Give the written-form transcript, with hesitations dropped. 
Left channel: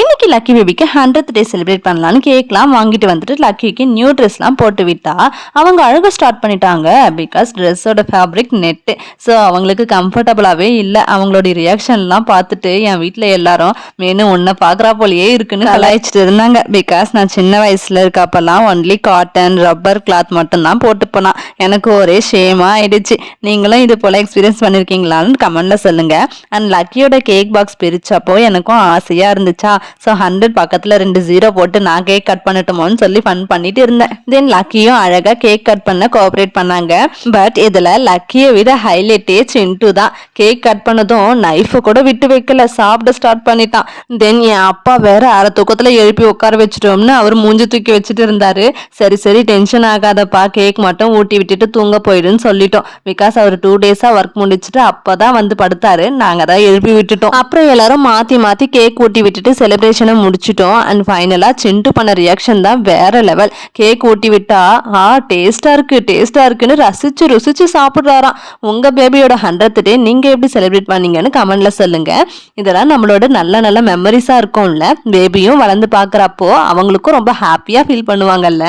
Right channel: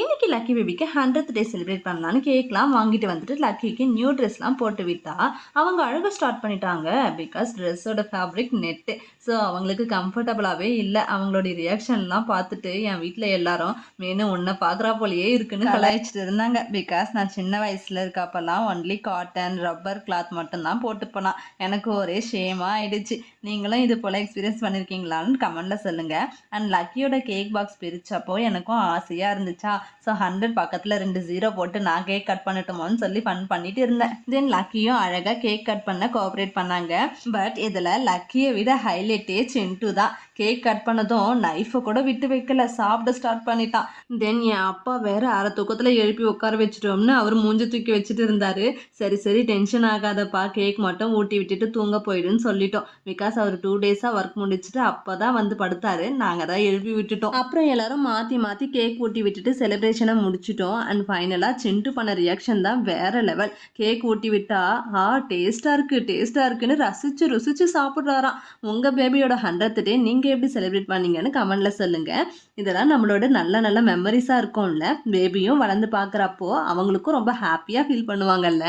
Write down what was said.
இன்னைக்கு லக்கி பேபிக்கு 100th day celebrate பண்ணலான்னு கேக்லாம் வாங்கிட்டு வந்துட்டு லக்கிக்கு நியூ ட்ரெஸ்லாம் போட்டு விட்டா அவங்க அழக ஸ்டார்ட் பண்ணிட்டாங்க. பிகாஸ் ட்ரெஸ்ஸோட ஃபேப்ரிக் நெட்டு, ஸோ அவங்களுக்கு கம்ஃபர்டபுளாகவே இல்லை. அவங்களுடைய ரியாக்ஷன்லாம் பார்த்துட்டு என் வீட்டில் எல்லாரும் மேனு உன்னை பார்க்குறா போலியே இருக்குன்னு கலாய்ச்சிட்டு இருந்தாங்க. பிகாஸ் நான் சின்ன வயசில் இருக்கப்பெல்லாம் ஒன்லி காட்டன் ரப்பர் கிளாத் மட்டும்தான் போட்டு போனான். எனக்கு ஒரே ஷேமாக ஆயிடுச்சு. நீங்களும் இது போல் எக்ஸ்பீரியன்ஸ் பண்ணியிருக்கீங்களான்னு கமெண்ட்டில் சொல்லுங்கள். அண்ட் லக்கியோட கேக் பாக்ஸ் பிரிச்சப்போ எனக்கும் ஆசையாக இருந்துச்சா, ஸோ 100 பக்கத்தில் 2 0 போட்டு நான் கேக் கட் பண்ணட்டுமோன்னு சொல்லி ஃபன் பண்ணிட்டு இருந்தேன். தென் லக்கியும் அழகாக கேக் கட் பண்ண கோஆப்ரேட் பண்ணாங்க. பட் இதில் லக்கியை விட ஹைலைட்டே சிண்டு தான். கேக் கட் பண்ணதும் நைஃபை கூட விட்டு வைக்கல, சாப்பிட ஸ்டார்ட் பண்ணிட்டான். தென் என் அப்பா வேற அரை தூக்கத்தில் எழுப்பி உட்கார வச்சுட்டோம்னு அவர் மூஞ்சி தூக்கி வச்சுட்டு இருந்தாரு. சரி சரி டென்ஷன் ஆகாதப்பா, கேக் மட்டும் ஊட்டி விட்டுட்டு தூங்க போயிடுன்னு சொல்லிட்டோம். பிகாஸ் அவர் 2 டேஸாக ஒர்க் முடிச்சுட்டு அப்போதான் வந்து படுத்தாரு. நாங்கள் தான் எழுப்பி விட்டுட்டோம். அப்புறம் எல்லாரும் மாற்றி மாற்றி கேக் ஊட்டி விட்டுட்டு செலிப்ரேஷனை முடிச்சிட்டோம். அண்ட் ஃபைனலாக சிண்டு பண்ண ரியாக்ஷன் தான் வேற லெவல். கேக் ஊட்டி விட்டா டேஸ்டா இருக்குன்னு ரசிச்சு ருசிச்சு சாப்பிட்றாராம். உங்க பேபியோட 100th டே நீங்க எப்படி செலிப்ரேட் பண்ணீங்கன்னு கமெண்ட்ல சொல்லுங்க. இதெல்லாம் நம்மளோட நல்ல நல்ல மெமரிஸா இருக்கும்ல. பேபியும் வளர்ந்து பார்க்குறப்போ அவங்களுக்கும் ரொம்ப ஹாப்பியா ஃபீல் பண்ணுவாங்கல்ல.